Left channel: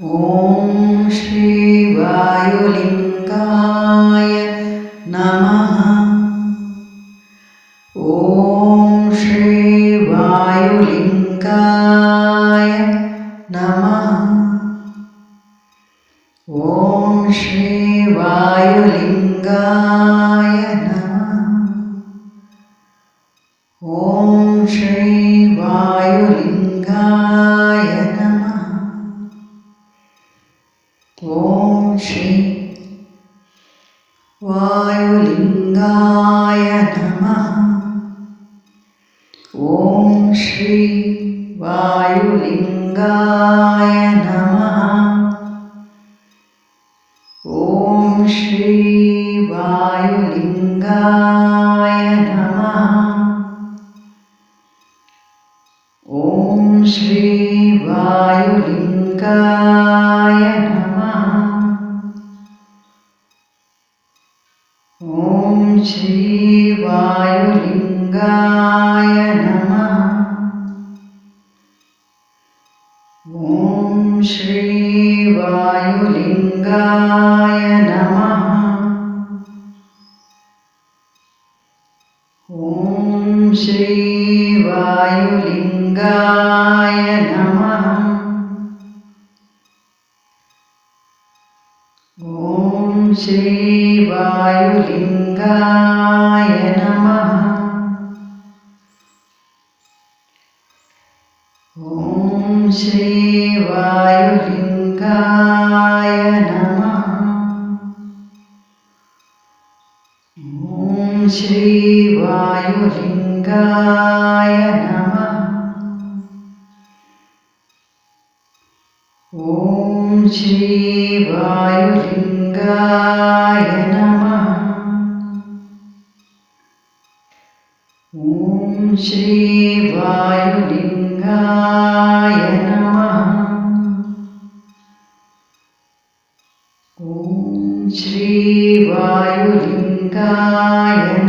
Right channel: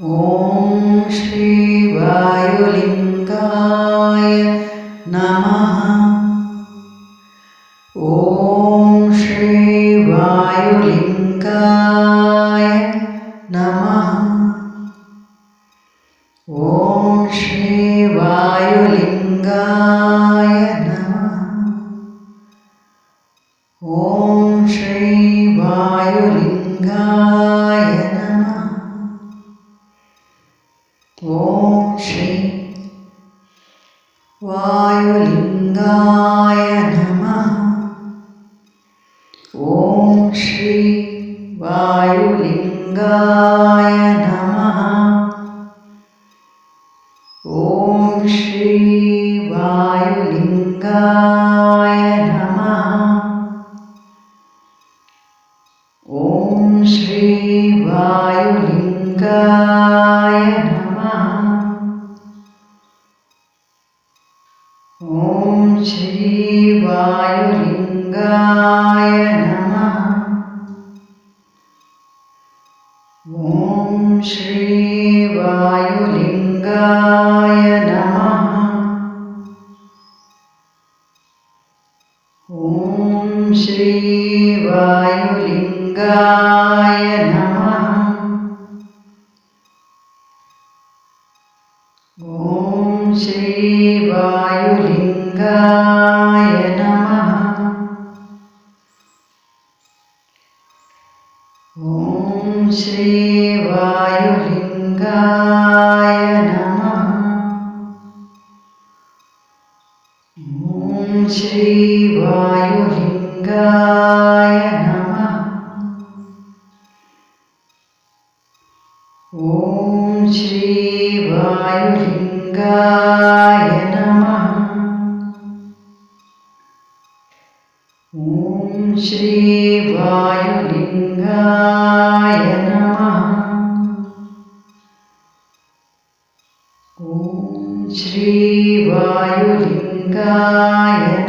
ॐ श्रीवायुलिङ्गाय नमः। ॐ श्रीवायुलिङ्गाय नमः। ॐ श्रीवायुलिङ्गाय ॐ श्री वायुलिङ्गाय नमः। ॐ श्री वायुलिङ्गाय नमः। ॐ श्री वायुलिङ्गाय नमः। ॐ श्री गङ्गाय नमः ॐ श्रीवायुलिङ्गाय नमः ॐ श्रीवायुलिङ्गाय नमः ॐ श्रीवायुलिङ्गाय नमः श्रीवायुलिङ्गाय नमः। ॐ श्रीवायुलिङ्गाय नमः। ॐ श्रीवायुलिङ्गाय नमः। ॐ श्रीवायुलिङ्गाय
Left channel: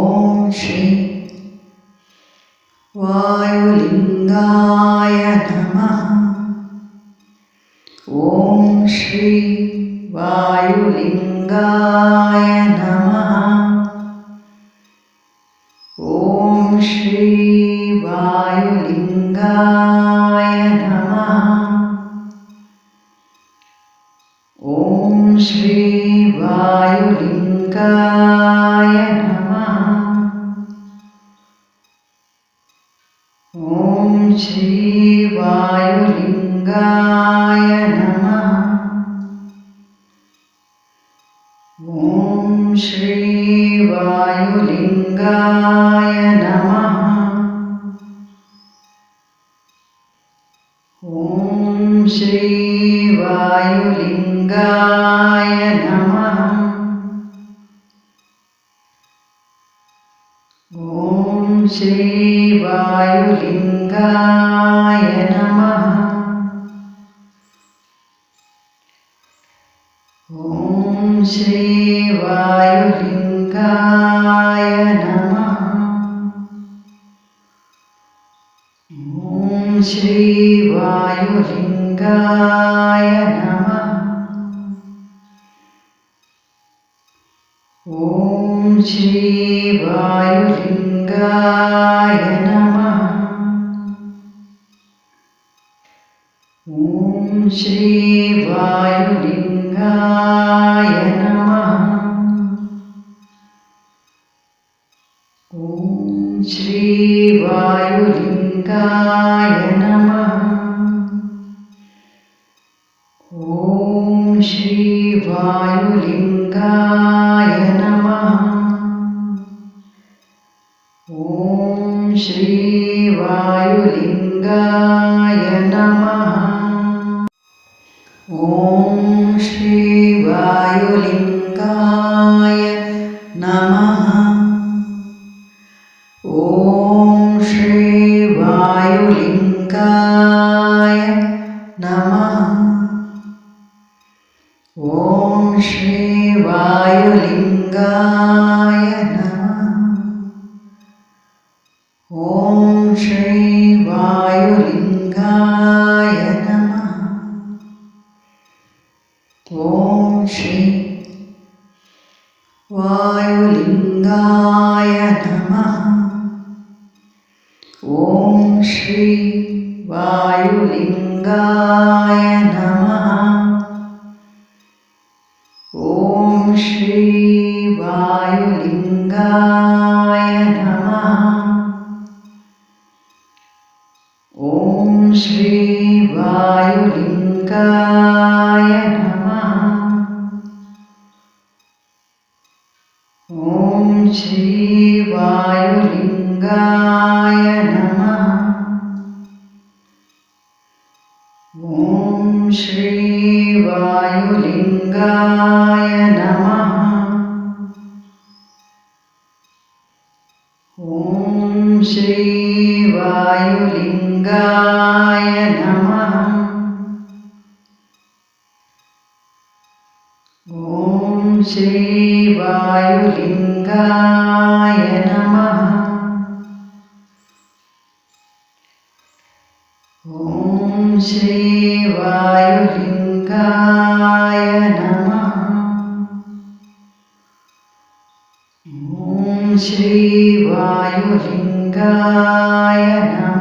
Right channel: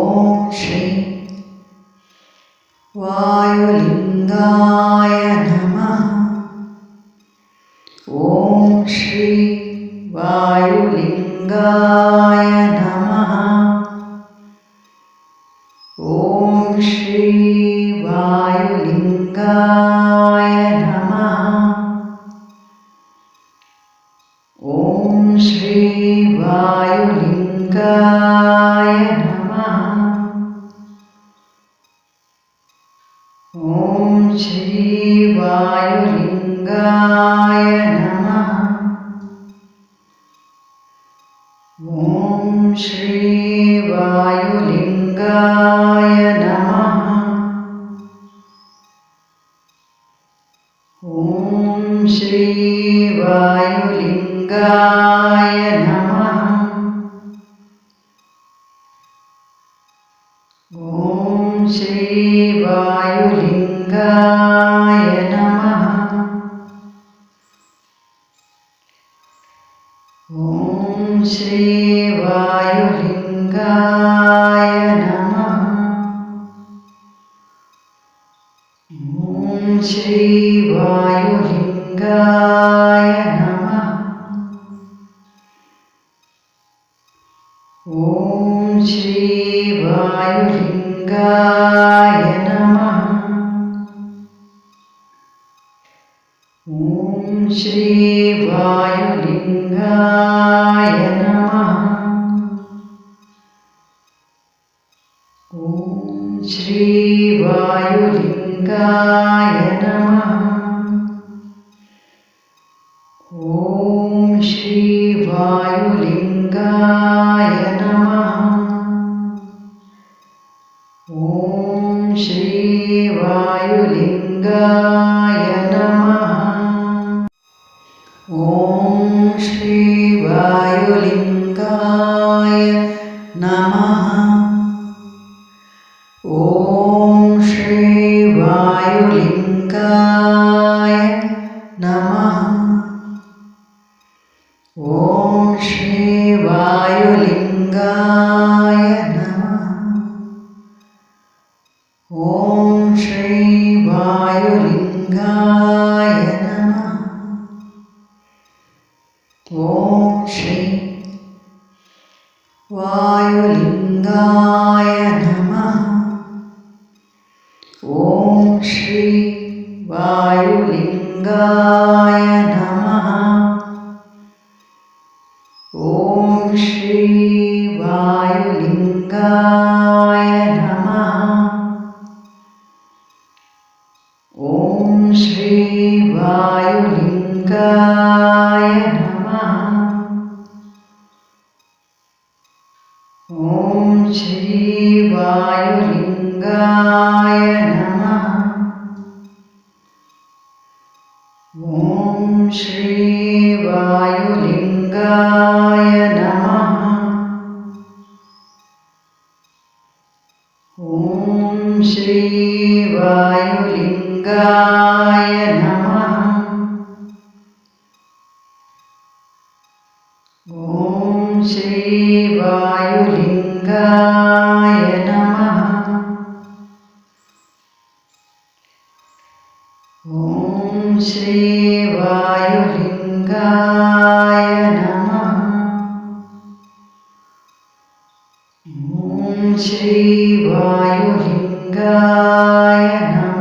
ഓം ശ്രീ വായുലിംഗായ നമ. ഓം ശ്രീ വായുലിംഗായ നമ. ഓം ശ്രീ വായുലിംഗായ നമ. ഓം ശ്രീ വായുലിംഗായ നമ. श्रीवायुलिङ्गाय नमः ॐ श्रीवायुलिङ्गाय नमः ॐ श्रीवायुलिङ्गाय नमः ഗംഗായ നമ. ഓം ശ്രീ വായുലിംഗായ നമ. ഓം ശ്രീ വായുലിംഗായ നമ. ഓം ശ്രീ വായുലിംഗായ നമ. ॐ श्रीवायुलिङ्गाय नमः। ॐ श्रीवायुलिङ्गाय नमः। ॐ श्रीवायुलिङ्गाय नमः। ॐ श्रीवायुलिङ्गाय वायुलिङ्गाय नमः ॐ श्रीवायुलिङ्गाय नमः ॐ श्रीवायुलिङ्गाय नमः ॐ श्रीवायुलिङ्गाय नमः श्रीवायुलिङ्गाय नमः ॐ श्रीवायुलिङ्गाय नमः ॐ श्रीवायुलिङ्गाय नमः ॐ श्रीवायु ഗണകായ നമ.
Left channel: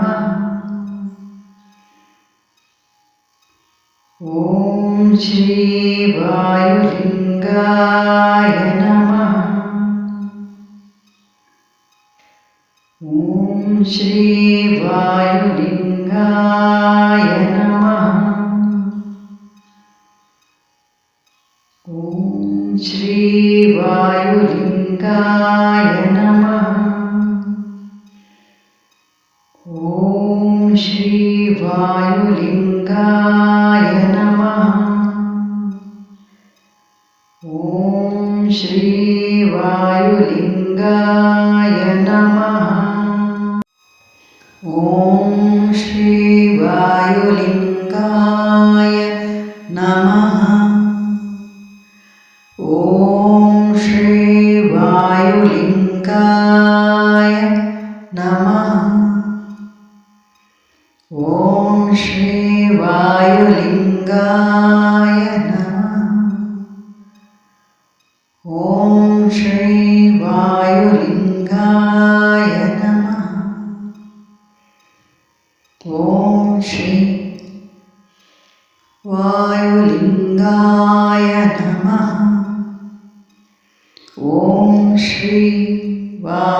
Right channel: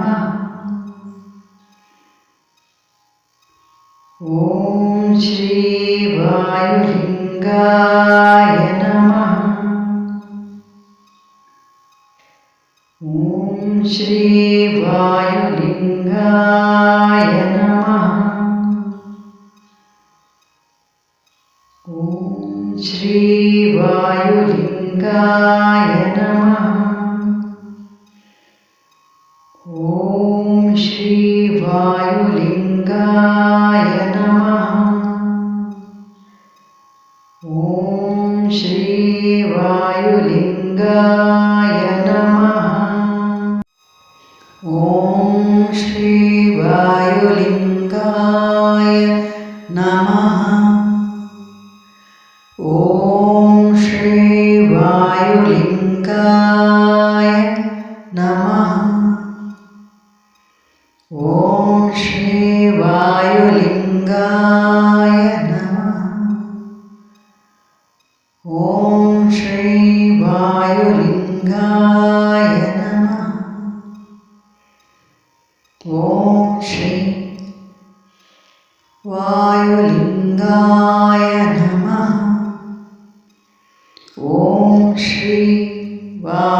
ഓം ശ്രീ വായുലിംഗായ നമ. ഓം ശ്രീ വായുലിംഗായ നമ. ഓം ശ്രീ വായുലിംഗായ നമ. ॐ श्री वायुलिङ्गाय नमः ॐ श्री वायुलिङ्गाय नमः ॐ श्री वायुलिङ्गाय नमः ॐ श्री वायुलिङ्गाय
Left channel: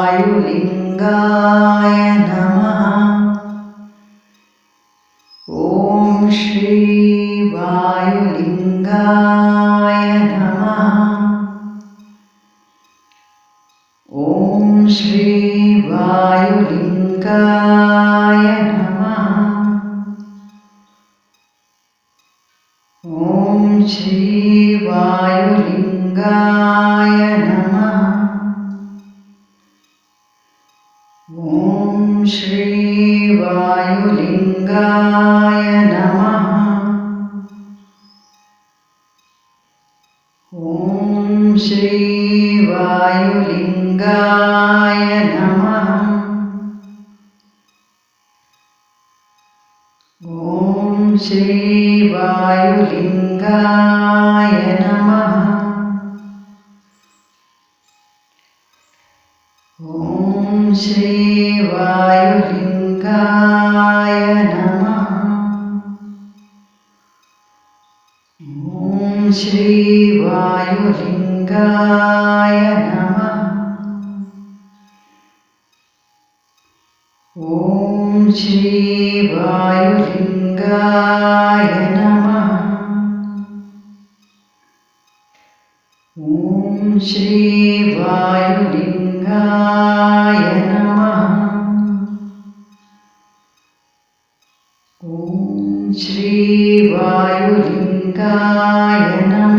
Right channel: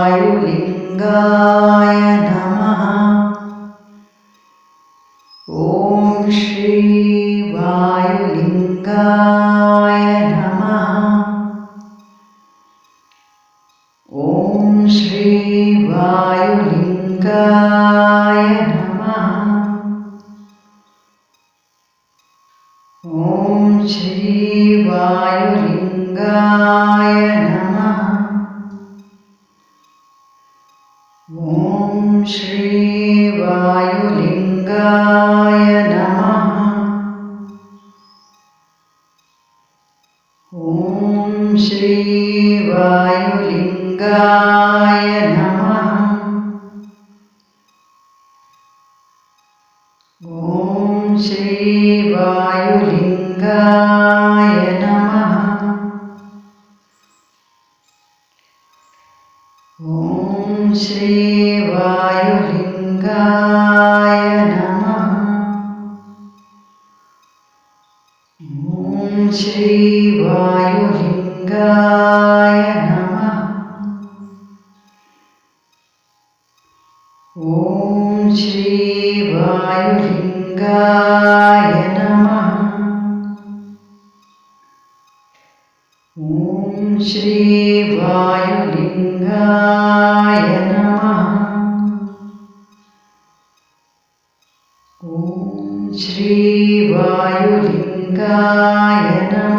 श्रीवायुलिङ्गाय नमः ॐ श्रीवायुलिङ्गाय नमः ॐ श्रीवायुलिङ्गाय नमः ॐ श्रीवायुलिङ्ग वायुलिङ्गाय नमः। ॐ श्री वायुलिङ्गाय नमः। ॐ श्री वायुलिङ्गाय नमः। ॐ श्रीवायुलिङ्गाय नमः ॐ श्रीवायुलिङ्गाय नमः ॐ श्रीवायुलिङ्गाय नमः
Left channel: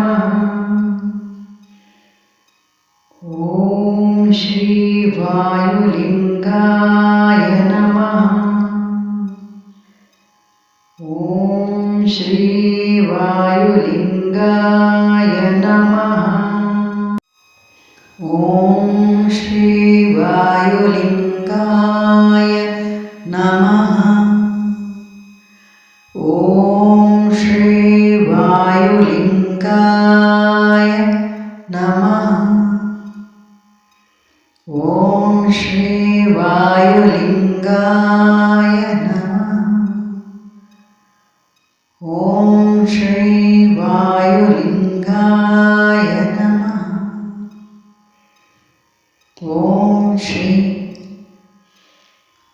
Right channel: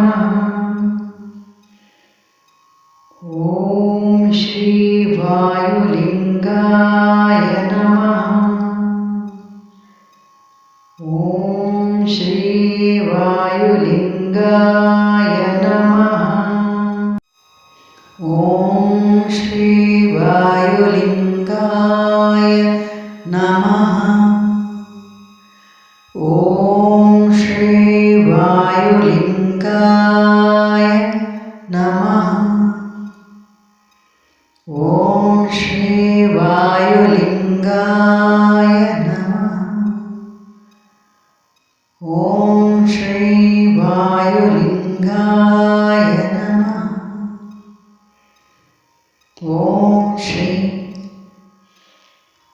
ഓം ശ്രീ വായുലിംഗായ നമ. ഓം ശ്രീ വായുലിംഗായ നമ. ഓം ശ്രീ വായുലിംഗായ നമ. ഓം ശ്രീ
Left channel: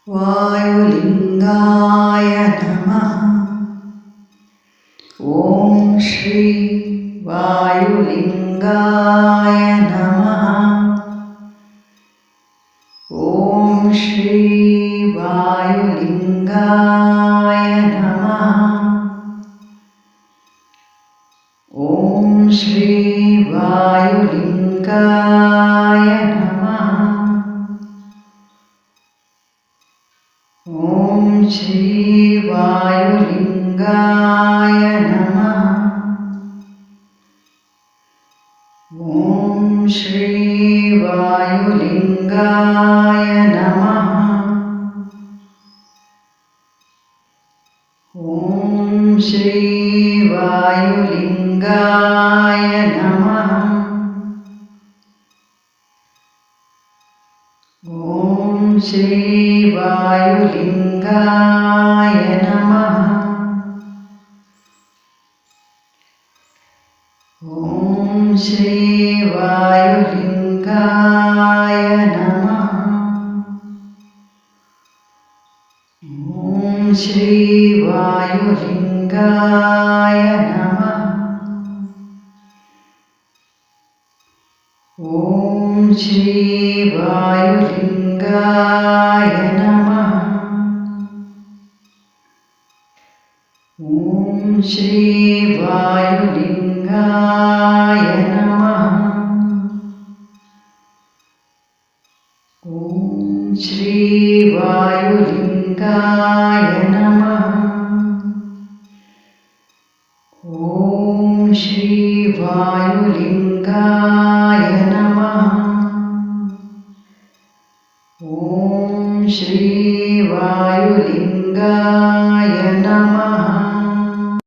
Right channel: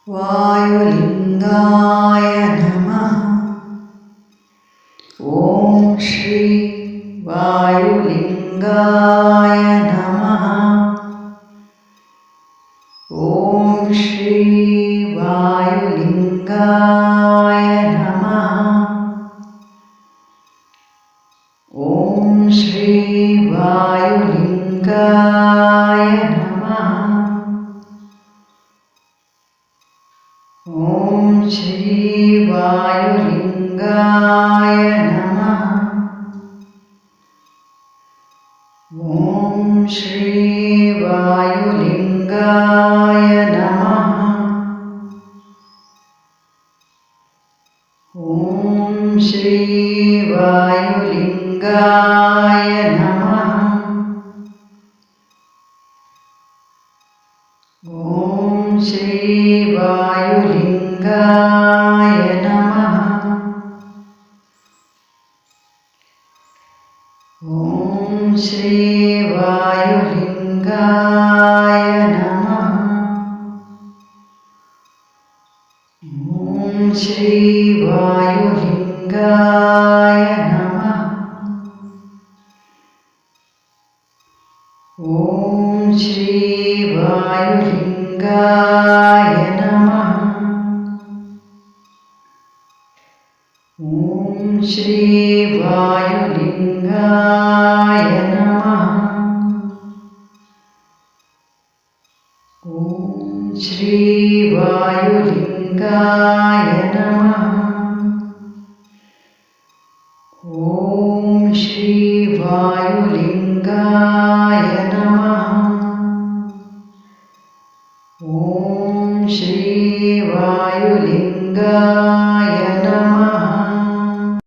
വായുലിംഗായ श्री वायुलिङ्गाय नमः। ॐ श्री वायुलिङ्गाय नमः। ॐ श्री वायुलिङ्गाय नमः। ॐ श्री ശ്രീ വായുലിംഗായ നമ. ഓം ശ്രീ വായുലിംഗായ श्रीवायुलिङ्गाय नमः ॐ श्रीवायुलिङ्गाय नमः ॐ श्रीवायुलिङ्गाय नमः ॐ श्रीवायुलिङ्ग गोविन्दाय नमः